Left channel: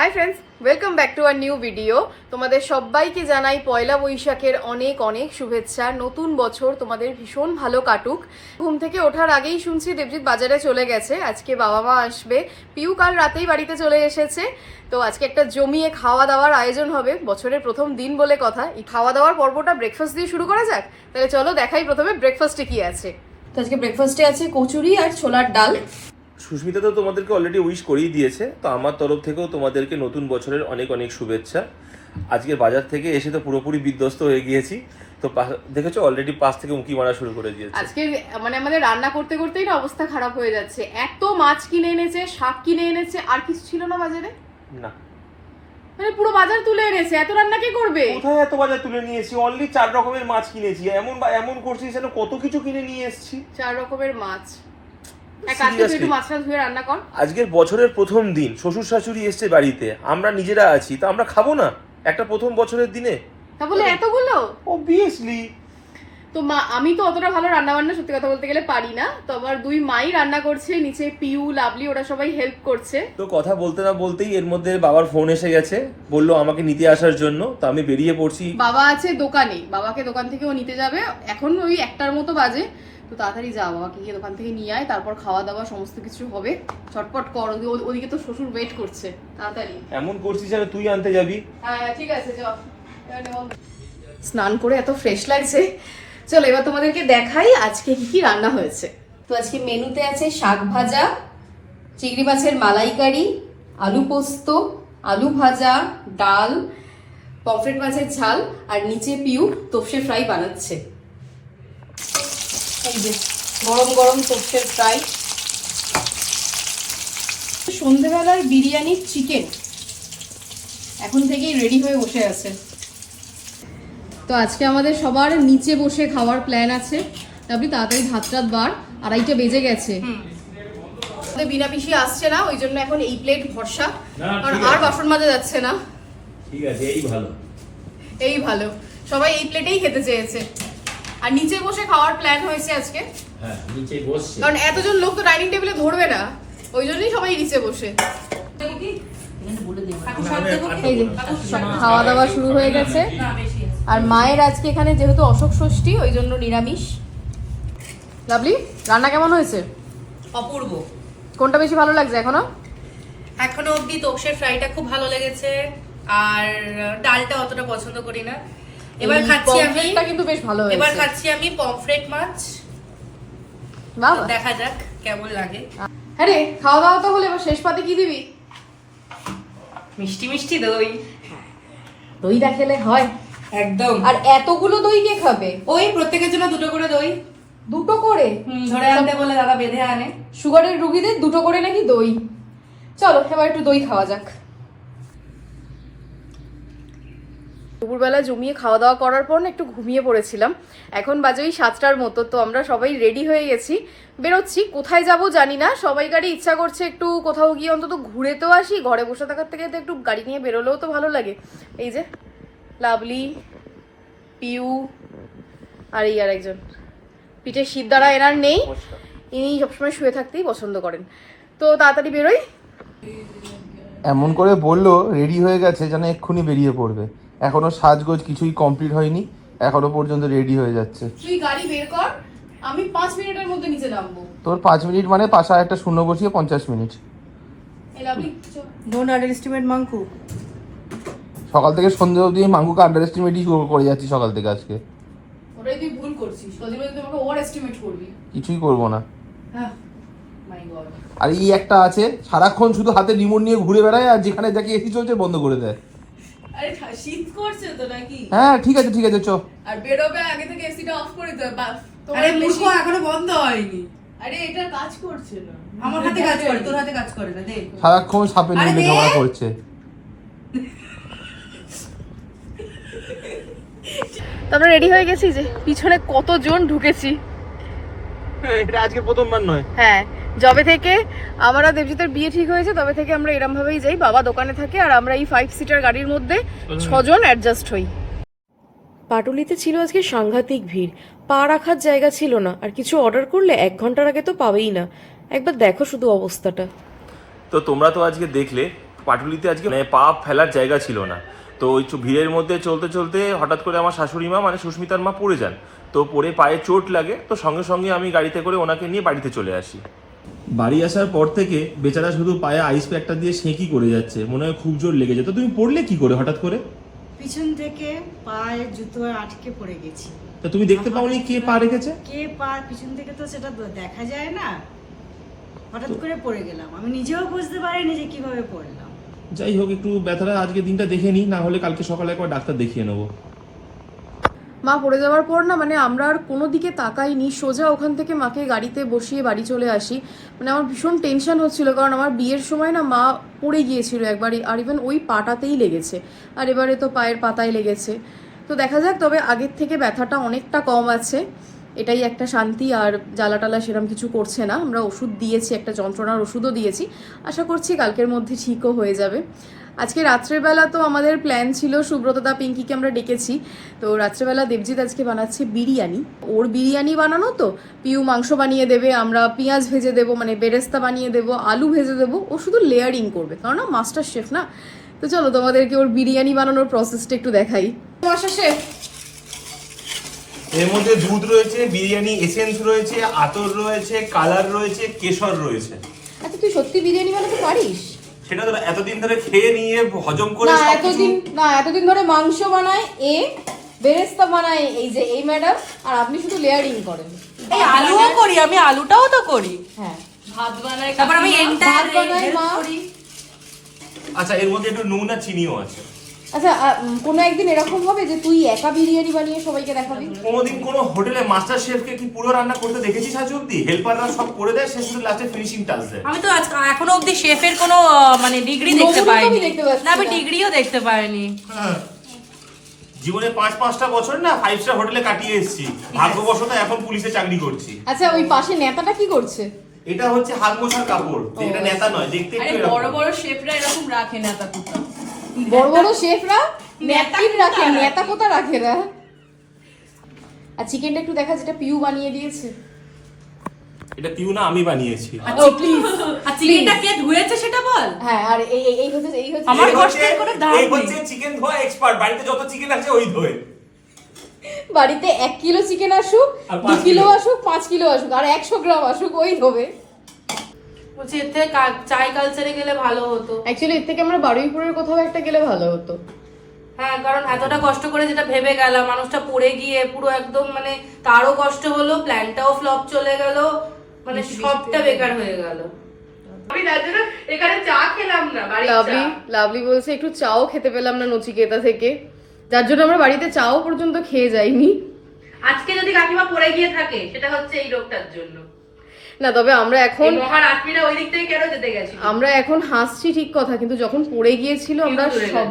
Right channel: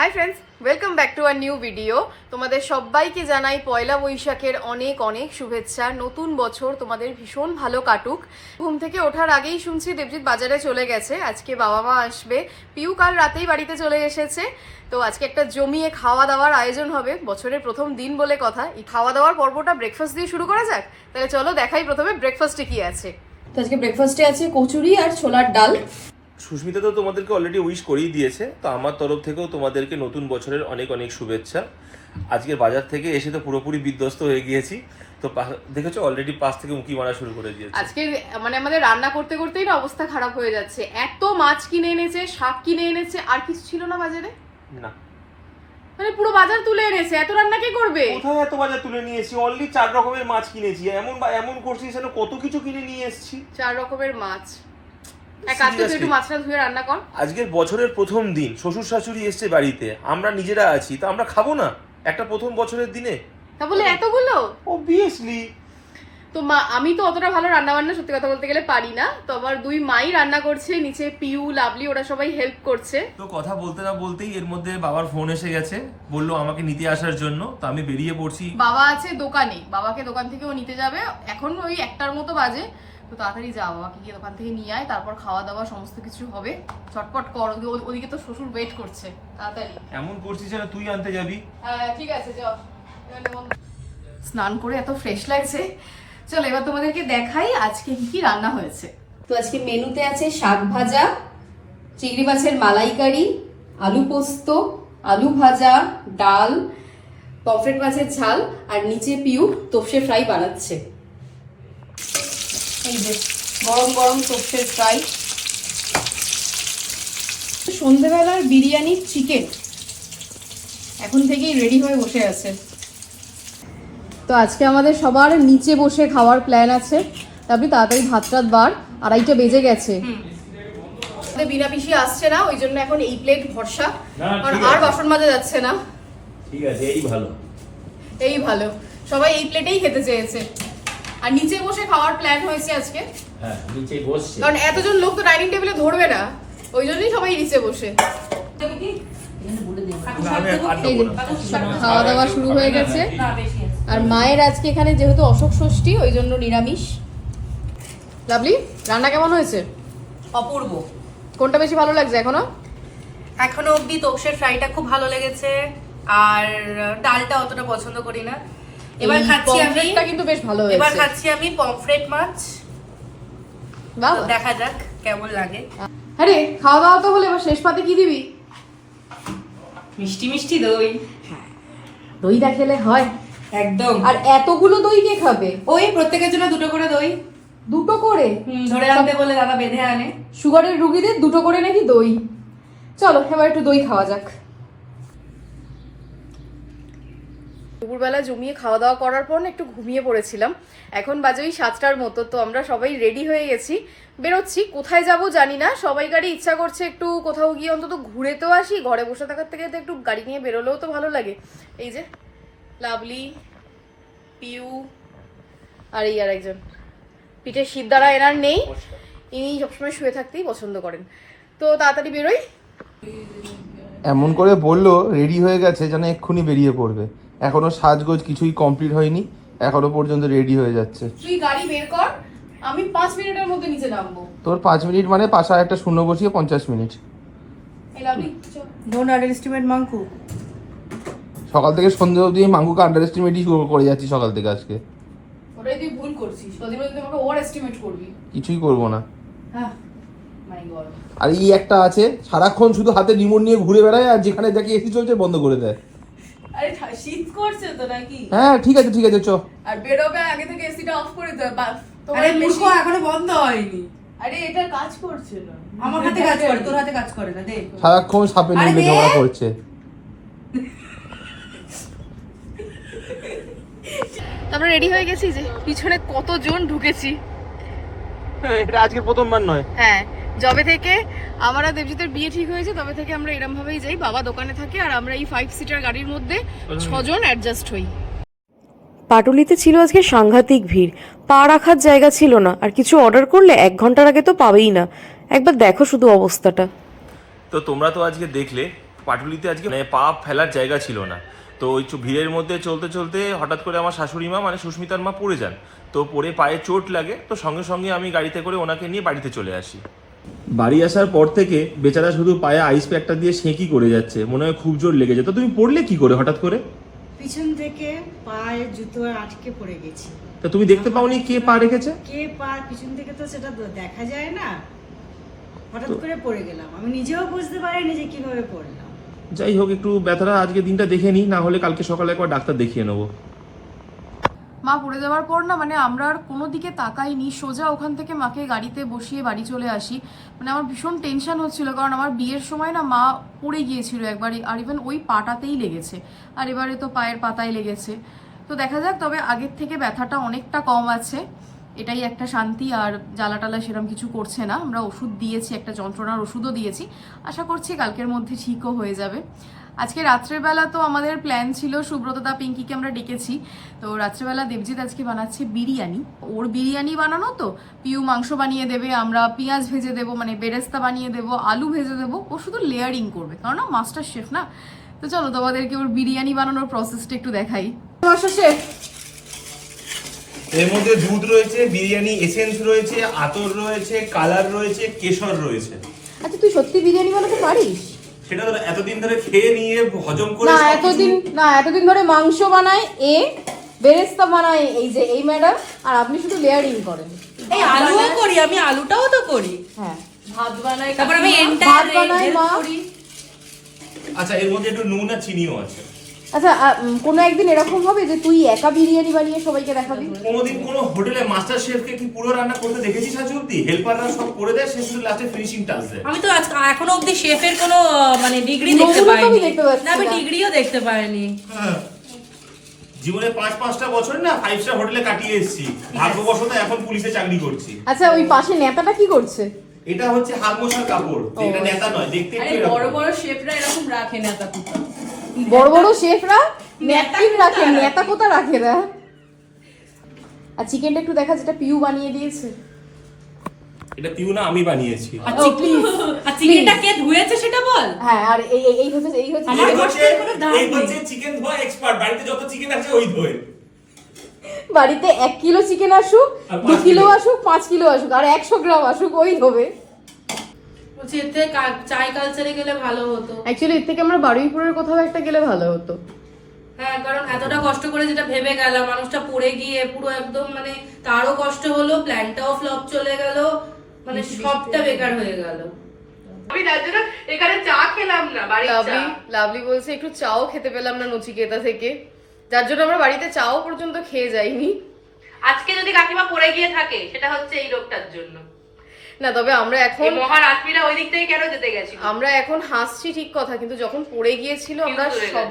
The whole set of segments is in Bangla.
Hi friends welcome back to our new video তোমাদের সবাইকে জানাই পয়লা বৈশাখের অনেক অনেক শুভেচ্ছা। নতুন বছর তোমাদের ভীষণ ভালো কাটুক। ঘুম থেকে ওঠার আগেই শুনছি দেবজিৎ বাজারে চলে গেছে। আজকে বাবা মা আসবে। পিউ কাল রাতেই বাড়িতে চলে এসেছে। তো আজকে একটা জমিয়ে খাওয়া দাওয়ার আয়োজন হবে। বছরের প্রথম দিন বলে কথা। এই খাওয়া দাওয়ার পর্বটা ব্রেকফাস্ট দিয়ে শুরু করা যাক। তাহলে চলো দেখাই প্রথমে ব্রেকফাস্টে কি আছে। তো আজকে ব্রেকফাস্টে আছে কচুরি আর ছোলার ডাল। সুস্মিতা তো তোমাদেরকে অলরেডি উইশ করেই দিয়েছে তো আমার তরফ থেকেও তোমাদেরকে নতুন বছরের অনেক অনেক শুভেচ্ছা। আজকের বাজার থেকে এসে তো পুরোপুরি বিধ্বস্ত হয়ে গিয়েছি তো দেখেছ অলরেডি পাশ থেকে উঁকি মারা শুরু করে দিয়েছে। আজকে মানে আমাদের রান্না করতে করতেই না অবস্থা খারাপ হয়ে যাচ্ছে। এত মাছ কিনে এনেছে শাক কিনে এনেছে আর কিছু ছিল না বাজারে? না। মানে পুরো বাজার তুলে এনেছে এত রান্না কে করবে? কোথায় এত বাজার তুলে নিয়েছি অনলি চার রকমের মাছ কিনেছি এমন বা- এমন করছিস যেন কত কিছু কিনে নিয়ে এসেছি। চার রকমের মাছ। আজকের বছরের প্রথম দিন শ্বশুর শাশুড়ি এসছে বাড়িতে আমরা নিজেরা আছি তো আমরা খাব না? একটা প্রথম বছরের দিনে? তা বলে এতগুলো? অবভিয়াসলি তো মা আমি তো অতটা ভালো রান্না বান্না সত্যি কথা বলতে গেলে পারি না তো আমার দুই মাই রান্না করছে নিচে পিউ লাভলি ওরা সবাই হেল্প করছে। তো কথা বলতে না বলতেই এর মধ্যে বাবার ফোন এসে গেছে বলল আমাকে নিতে আসার জন্য তো আমি বেরিয়ে পড়ছি। বাবা আছে দোকানে বাবাকে দোকান থেকে ও নিতে যাবে এখন ওই একটার মতো বাজে। তো তাড়াতাড়ি যা বাবাকে গিয়ে দোকান থেকে নিয়ে আয় তারপর খাওয়া দাওয়া সমস্ত কিছু হবে। ছটপট কর ওদি- ওদি- ওদিকে তো শ্বশুর ওয়েট করছে তাড়াতাড়ি। এমন করছিস যেন তুই আনতে যাবি। হ্যাঁ ঠিক আছে যাও। স্নান করে এত ফ্রেশ লাগছে। চলো এবার তোমাদেরকে দেখাই আজকে কি কি রান্না হয়েছে। তো আজকে মেনুতে আছে শাক ভাজা চিংড়ি মাছের মালাইকারি আলু পোস্ত আলু ভাজা ডাল পমফ্রেট মাছের ঝাল আর নিচে পিউ তোপসে ফ্রাই বানাচ্ছে। এই যে, গরম গরম তোপসে ফ্রাই সন্ধেবেলার বিরিয়ানি চিকেন এখন থেকেই রেডি হয়ে বসে আছে। তো আজকে আমাদের সবার নিচে বসে খাওয়ার প্ল্যান আছে। আপনি তাড়াতাড়ি ভাত টাত বার। আড়াইটে বেজে গেছে। আমাদের বিনা পিসি আসছে না ওই জন্য এখন এই প্লেট ভরসা। আর। বাসন মাজা যাচ্ছে না। ঠিক আছে এই ভালো। এই ভালো। সবাই এই প্লেটেই খেতে চেয়েছে। আর নিচে বসে খাওয়ার প্ল্যান হয়েছে আজকে। হ্যাঁ নিচে বসছে। কারণ এতজন লোক তো ডাইনিং টেবিলে ধরবে না। ওই জন্যই সবাই নিচে বসে। খাওয়া দাওয়া শুরু হয়ে গেছে। আর মায়ের আজকে এখানে যেহেতু অশোক ষষ্ঠী ওই জন্য নিরামিষ। লাভলি রান্না কেমন হয়েছে? অপূর্ব। কোনটা বেশি ভালো লাগছে এখনও? এখনও অবধি তোপসের ফ্রাইটা খুব ভালো লেগেছে। আর ডালটা অতটা পছন্দ করি না। এবার খাচ্ছি আমি। কিন্তু বেশ ভালো এবার খাচ্ছি আমি পমফ্রেট মাছ। দেখা যাক কেমন লাগে। হ্যাঁ রে খাওয়া দাওয়া তো হলে এবার শেষ পাতে কি দিবি? মিষ্টি মিষ্টি দই। দইটা খেলে হয়। একদম। আর এতগুলো দই কে খাবে? ওই প্রত্যেকের জন্য দুটো করে দই। দুটো করে? হুম, ধরে আনতে বলে দাদা বেঁধে আনে। সুগারের রুগীদের দুটো করে নাকি দই? চলো এবার একটু দই খাওয়া যাক। দুপুরবেলা জমিয়ে খাওয়া দাওয়া করার পর না একটু ঘুমিয়ে পড়েছিলাম। এখন বাজে ওই সাতটার মতো, তো আমরা সবাই রেডি হয়ে গেছি। বেরোচ্ছি, কোথায় যাব জানি না, সবাই গাড়ি ইচ্ছা করছে একটু কোথাও গিয়ে অন্তত ঘুরে তো আসি, ঘরে বসে থাকার থেকে তো একটু গাড়ি নিয়ে বেরোলেও তো ভালো লাগে। এই যে, লাভলি, পিউ, আর এই আর একজন। পিঠে সিদ্ধারা এনার নেই, ইনি সবসময় শুয়ে থাকতেই পছন্দ করেন। তো তাড়াতাড়ি বেরোই। এমন করে বলল রেডি হয়ে গেছে যেন এক্ষুনি বেরিয়ে পড়বে। এখনও সাজগোজ কিছুই কমপ্লিট হয়নি এখনও পর্যন্ত রেডি হয়ে যাচ্ছে। তুই গাড়ি বের কর আমি পাঁচ মিনিটের মধ্যে নিচে নামবো। তোর পাঁচ মিনিট মানে পাশে একটা শূন্য বসিয়ে পঞ্চাশ মিনিট। এই লাভলি চল। ডোন্ট আন্ডার এস্টিমেট মাঙ্কু সকাল থেকে সন্ধ্যে অবধি এই মাঙ্গুকে আন্ডার এস্টিমেটই করে যাচ্ছি সকাল থেকে আজকে। ওটাই তুই ভুল করছিস কদিন তুই আমাকে ওভার এস্টিমেট করবি। কিছুই করব না। হ্যাঁ আর এই একটা আছে সারাক্ষণ শুধু হাতে রিমোট নিয়ে ঘুরে বেড়ায় আর যেখানে দেখি এসি চলছে বন্ধ করে দেয়। আরে শীত করছে তো নাকি? হ্যাঁ ঠিক আছে ঠিক আছে চ। আর বেরোবে আগে থেকে এসিটা অফ করে দে বা- তোমার আরে এখনও বন্ধ হয়নি। আরে এটা কাজ করছে না। আমার হাতে কাজ করে তোর হাতে কাজ করে না দেখ সারাক্ষণ সাপে নিয়ে ঝগড়া করছে। তারপরে রেডি হয়ে গেছি যে পিছনে কতজন ঢুকেছি। এটা আজকে প্রথমবার নয়। হ্যাঁ যবে থেকে আমরা দেবজিতের বিয়ে ঠিক হয়েছে তবে থেকে আমরা এরম ভাবেই যাই। বাবা দোকানে থাকে আর আমরা এই ফাইভ সিটার গাড়ির মধ্যে ছজন অ্যাডজাস্ট হই। পাটুলিতে ছিল আজকে সাংঘাতিক ভিড়। পা রাখার জায়গা ছিল না আর কিছু অর্ডার করলে এক ঘণ্টার আগে তো পাবেই না। একবার দেখো শুধু অবস্থাটা। তো তোমরা তো আজকে দেখলে পাটুলিতে আজকে মানে পা ফেলার জায়গা ছিল না। তো ওই ভিড়ের মধ্যে চলতে চলতে হঠাৎ করে আমার শাশুড়ি মা মানে সুস্মিতার মা পড়ে যান। তো পড়ে পায়ে চোট লাগে তো সঙ্গে সঙ্গে আমি গাড়িতে করে ওনাকে নিয়ে বাড়িতে চলে আসি। বাড়ি আসার পর থেকে বেচারা শুধু পায়ে আইস প্যাকটা দিয়ে সেঁকি করে যাচ্ছে। মনে হয় খুব জোর লেগে যেত তুমি পড়লে কি করে হঠাৎ করে? পিছন থেকে পায়ে জুতো আটকে পড়ে গেছি। তা তুমি দেখতে পাওনি কে পা রেখেছে? কে পা? পিছন থেকে তো সেটা দেখা যায় না। হঠাৎ করে পড়ে গেলাম। আমি নিজেও বুঝতে পারিনি যে কীভাবে পড়লাম। যাই হোক একটু ব্যথাটা আজকে দিনটা দেখে নিই না হলে কালকে সকালে একবার ডাক্তার দেখিয়ে নেব। মা পড়ে যাওয়ার পর না মানে আমরা আর কোনো দিকে তাকাইনি। সোজা ওখান থেকে মাকে গাড়িতে বসিয়ে বাড়ি চলে আসি। মানে আমার ভীষণ টেনশন হচ্ছিল, কারণ আমার বিয়ের সময় না মা পড়ে গিয়েছিল একবার, আর ইভেন ওই পাটাতেই লেগেছে। আর এবারে তো পায়ের পাতায় লেগেছে। তো দেখা যাক, তবে আগের থেকে ব্যথাটা অনেকটা কম আছে। এটাই একটা শান্তি, আর জ্বালা টালা সেরকম কিছু করছে না। আমরা ওষুধ দিয়েছি, একটা যন্ত্রণার ওষুধও দিয়েছি। আশা করছি কালকের মধ্যে ঠিকও হয়ে যাবে। আজকে রাত্রেবেলা তো আমাদের প্ল্যান ছিল সুব্রতদা পিঙ্কিকে আমরা ডেকেছি। তো রাত্রেবেলা দেবজিৎ আজকে বানাচ্ছে বিরিয়ানি। ওর বিরিয়ানি বানানো তো পিউ মাংস বানিয়ে দেবে আমরা পেঁয়াজ ভেজে দেবো মানে বেরেস্তা বানিয়ে দেবো আলু ভেজে দেবো ও শুধু লেয়ারিং করবে। কারণ না মাস্টার শেফ না? তো চলো তোমাদেরকে ওর বিরিয়ানি বানানোর প্রসেসটা একটু দেখাই। শেফ এর মধ্যে দুধ রয়েছে বিরিয়ানি এসেন্স রয়েছে আতর রয়েছে কালার রয়েছে কেশর রয়েছে। আচ্ছা তুই সত্যি বিরিয়ানি বানাতে পারিস? সেটা তো এতদিন ধরে খেয়ে নিয়ে হজম করে না এতদিন না এতদিন ধরে মাংস বানায় এ বেরেস্তা বানায় এই যে এই ম্যাডাম আর আপনি শুধু লেয়ারিং করেন। এই আলুও করি আমি আলুটাও তো করি। হ্যাঁ। ভাত বানাই তারপর আমি এন্টায়ার হেল্প করি। আচ্ছা এর মধ্যে একটু নুন আর চিনিও আছে। আচ্ছা কোনো একদিন এরকম হবে যে তুই একা বিরিয়ানি বানিয়ে সবাইকে দেখাবি? কোনোদিন কোনো হোটেলে মাস্টার শেফকে কি পুরো রান্না করতে দেখেছিস আজ অব্দি হেল্পাররা সব করে দেয় সে শুধু লাস্টে ফিনিশিং টাচ দেয় আমি তো আজ এখনও অবধি শেফের কোনো মানে ডিগ্রি দেখতে পাইনি। না আমি ডিগ্রিও দেখতে পাইনি। জীবনে পাঁচ পাঁচটা বছর না ফাইভ স্টার হোটেলে কাটিয়ে এসেছি। ভাগ্যবশত এখন পুলিশে চাকরি করছি। আচ্ছা ওই পাশে নেতাটা কি করছে? এটা হচ্ছে হাত মোছার কাপড় এটা নেতা নয় দেখতে বড় বড় শেফরা এরকম রাখে নেতা তা বড় বড় শেফরা নেতা রাখে? নেতা কোথা রাখে না? আর চিকেনটা একটু দেখা যেটা পিউ বানিয়ে দিয়েছে। এটা পিউ না আমি বানিয়েছি। আর চিকেনটা কে ধুয়েছে সেটা বল? হ্যাঁ আর এই এই- এই হচ্ছে এই হচ্ছে আমার কষ্টের কোনো দাম এই হচ্ছে চিকেন ধোয়া এক্সপার্ট বাড়িতে যত চিকেন আছে ওই ধোয়ে। বাড়িতে এক কিলো চিকেন আসুক দু কিলো কিলো। আসুক পাঁচ কিলো আসুক আর একশো গ্রাম আসুক ওই হবে বলছি এর থেকে চাই কালচারে গেলে ভালো হতো। অ্যাকচুয়ালি এর থেকে আমরা বারুইপুরের কোথাও একটা গেলে ভালো হতো। হ্যাঁ কারণ এতটা কষ্ট করে যেটা ভেবে গেলাম মানুষটা পড়ে গিয়ে পুরো একদম মানে তারও কষ্ট হলো প্ল্যানটাও ফ্লপ চলে গেল মানে সবটা বেকার হয়ে গেল। আমি তার জন্য এখানে চা খেলাম না বাড়ির লাভলি লাভলি বলছে একটু চাও খেতে পেলাম না নচিকেতা থেকে। যার জন্য আমরা বাড়িতে চাও পর্যন্ত খেয়ে যাইনি। আজকে যদি কাকিমা পড়ে গিয়ে থাকে সেটা হচ্ছে এই রোগটার জন্য। না তবে আমরা এখন মহারাজমিরা ওই দিক থেকে কেন যেতে গেছিল? আমরা এখন হাসছি ঠিক কথা কিন্তু যখন পড়ে গিয়েছিল আমরা।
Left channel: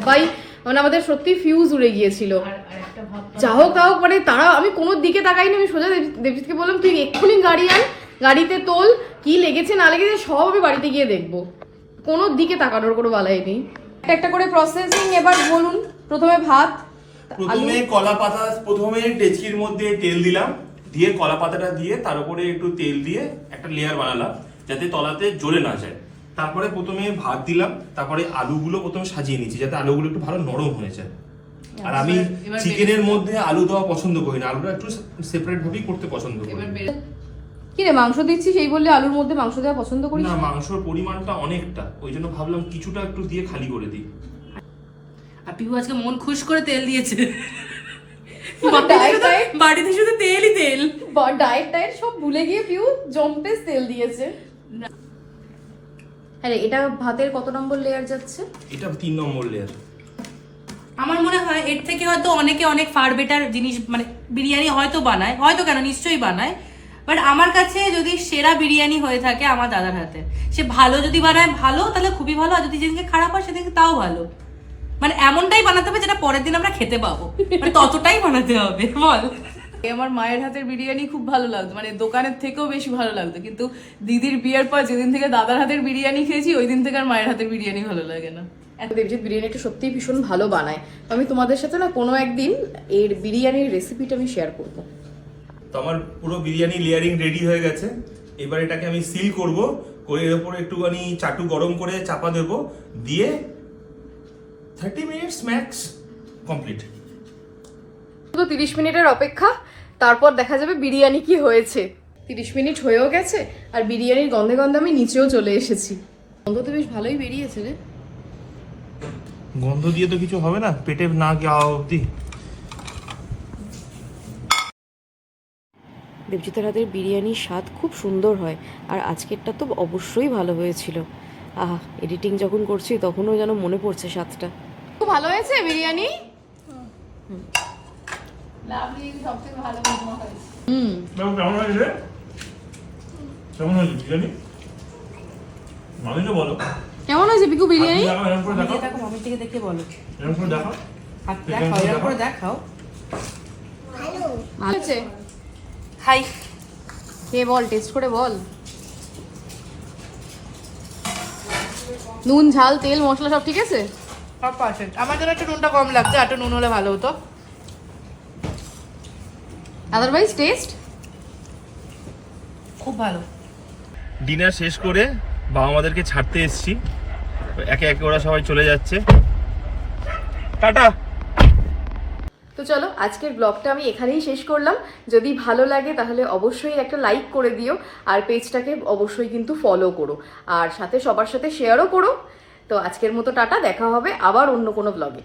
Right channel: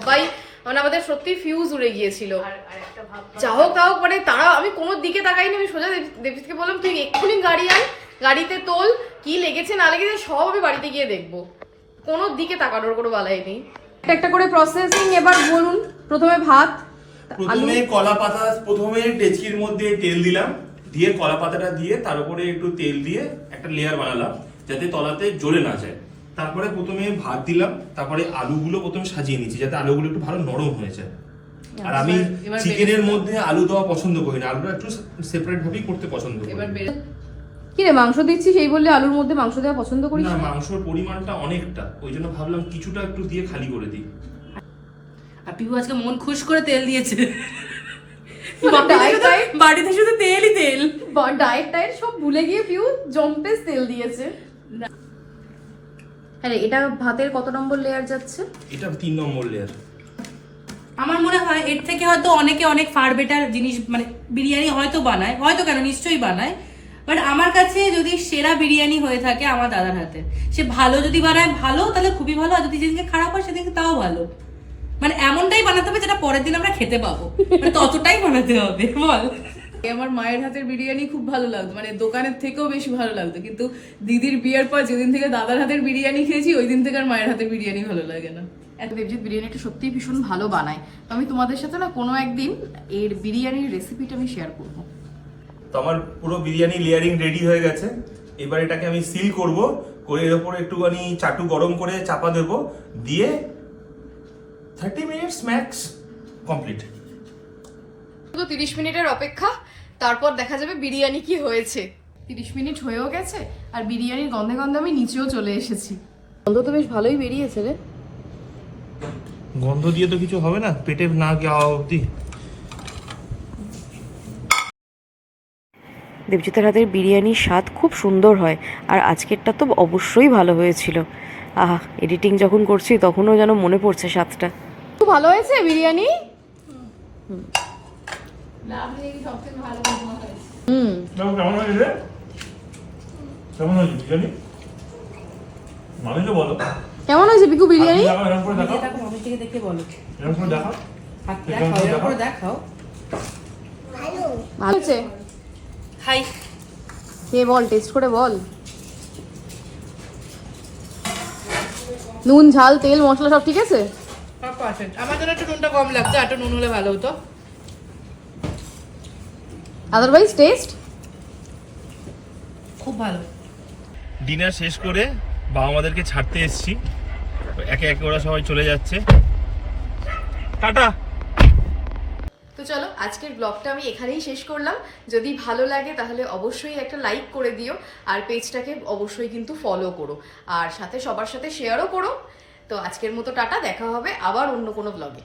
সবাই মানে আমাদের সত্যি ফিউজ উড়ে গিয়েছিল। আর আর যা হোক তা হোক মানে তারা আমি কোনো দিকে তাকাইনি আমি সোজা দেব- দেবজিৎকে বললাম তুই এক্ষুনি গাড়ি আয় গাড়িতে তোল কি লেগেছে না লেগেছে সব আমি বাড়িতে গিয়ে দেখব। কোনো দিকে তাকানোর কোনো বালাই নেই। একটা একটা করে প্রসেসিং এবার বলুন প্রথমে ভাত প্রথমে কলা পাতা প্রথমে ডেচকির মধ্যে তেল দিলাম। দিয়ে কলা পাতাটা দিয়ে তার উপরে একটু তেল দিয়ে একটা লেয়ার বানালাম যাতে তলাতে জ্বলে না যায়। তারপরে প্রথমে ভাত দিলাম তারপরে আলুগুলো প্রথমে সাজিয়ে নিচ্ছি যাতে আলুগুলো একটু ভালো নরম হয়ে যায়। আর আমি চিকেনের মধ্যে আলু দেওয়া পছন্দ করি না আলুটা একটু সেপারেট ভাবেই করতে পছন্দ করি। কি রে মাংস দিচ্ছিস এই বললে আলুর মধ্যে মাংস দেওয়া পছন্দ করিস? না মাংসর পরিমাণটা অনেকটা ওই জন্য ভাবলাম কিছুটা একটু দিয়ে খালি করে দিই। আর পিহু আজকে মন খুশ করে তেল দিয়েছে। বাড়িতে শুধু তেলই তেল। ডায়েট টায়েট সব ভুলে গিয়ে পিউ জম্পেস তেল দিয়েছে। হ্যাঁ এটা ভাতের কত নম্বর লেয়ার যাচ্ছে? এটা তিন নম্বর লেয়ার আমার মনে হয় এর থেকে হয়তো অনেকে অনেক ফার বেটার জিনিস মানে বিরিয়ানি হয়তো বানায় হয়তো কেন নিশ্চয়ই বানায়। বাট আমার কাছে যদি সেরা বিরিয়ানি হয়ে থাকে আমার দাদার হাতে। সে ভালো যদি বানায় ভালো তাহলে খুবই ভালো। আর যদি যেদিনকে খারাপ হয় সেদিনকে তাও ভালো। মানে এমনটাই বানাতে হবে যেটা পরের দিন আমরা খেতে পাবো। মানে ততটাই বানাতে হবে বল। আমার মায়ের হাতের বিরিয়ানি খুব ভালো লাগতো মানে দোকানের থেকেও বেশি ভালো লাগতো কিন্তু দিদির বিয়ের পর যেদিন থেকে দাদার হাতের বিরিয়ানি খেয়েছি ওই দিন থেকে আর মায়ের হাতের বিরিয়ানি ভালো লাগে না। এত দেবজিৎ বিরিয়ানিটা সত্যিই ভীষণ ভালো বানায়। তো আমি তোমাদের সাথে না কোনো একদিন এর বিরিয়ানির রেসিপিটা আমি শেয়ার করব। তো আমার পুরো বিরিয়ানি লেয়ারিং রেডি হয়ে গেছে। এবার এটাকে আমি সিল করব করে এর ওপরে একটুখানি চাটু গরম করে চাপা দেবো দিয়ে থার্টি মিনিটস ম্যাক্স কমপ্লিট শুধু তিরিশ মিনিটের অপেক্ষা তারপর দেখা যাবে বিরিয়ানি কি হয়েছে। তিরিশ মিনিট হয়েও গেছে আর বিরিয়ানির গন্ধে গন্ধে আমি নিচেও চলে এসেছি। গন্ধ তো বেশ ভালোই বেরিয়েছে রে। গন্ধ দিয়ে তো কিছু হবে না পেটে না যাওয়া অবধি। দেবজিতের হাতের বিরিয়ানির স্বাদ খুব সুন্দর হয় আর আজকেরটা তো অবশ্যই ভালো হয়েছিল। আহা এডিটিং যখন করছি তখনও যেন মনে পড়ছে স্বাদটা। খুব ভালো হয়েছে বিরিয়ানি? হুম। কেমন হয়েছে কেমন বিরিয়ানি? মানুষ বলো। কেমন হয়েছে পিকু বিরিয়ানি? এরকম করে দেখাও। দেখো মামির দিকে দেখে বলো। এরকম করে দেখাও। হাত দেখাও এরকম করে দেখাও। ভালো। হয়েছে? হাই। খেয়ে বল টেস্ট করে বল। নুন ঝাল তেল মশলা সব ঠিক আছে? সব পারফেক্ট আমার জন্য একটু নুনটা কম লাগছে একটু নুন হলে ভালো হতো। আদারওয়াইজ টেস্ট খুব ভালো। ডিনার শেষ করে বাবা মাদেরকে ছাড়তে এসেছি। একে একে ওরা সবাই চলে যাচ্ছে। টাটা! চলো, আজকের ব্লগটা আমি এখানেই শেষ করলাম। যদি ভালো লাগে, তাহলে অবশ্যই একটা লাইক করে দিও, আর পেজটাকে অবশ্যই কিন্তু ফলো করো। আর সাথে সবার সাথে শেয়ারও করো। তো আজকের মতো টাটা, দেখা হবে আবার অন্য কোনো ব্লগে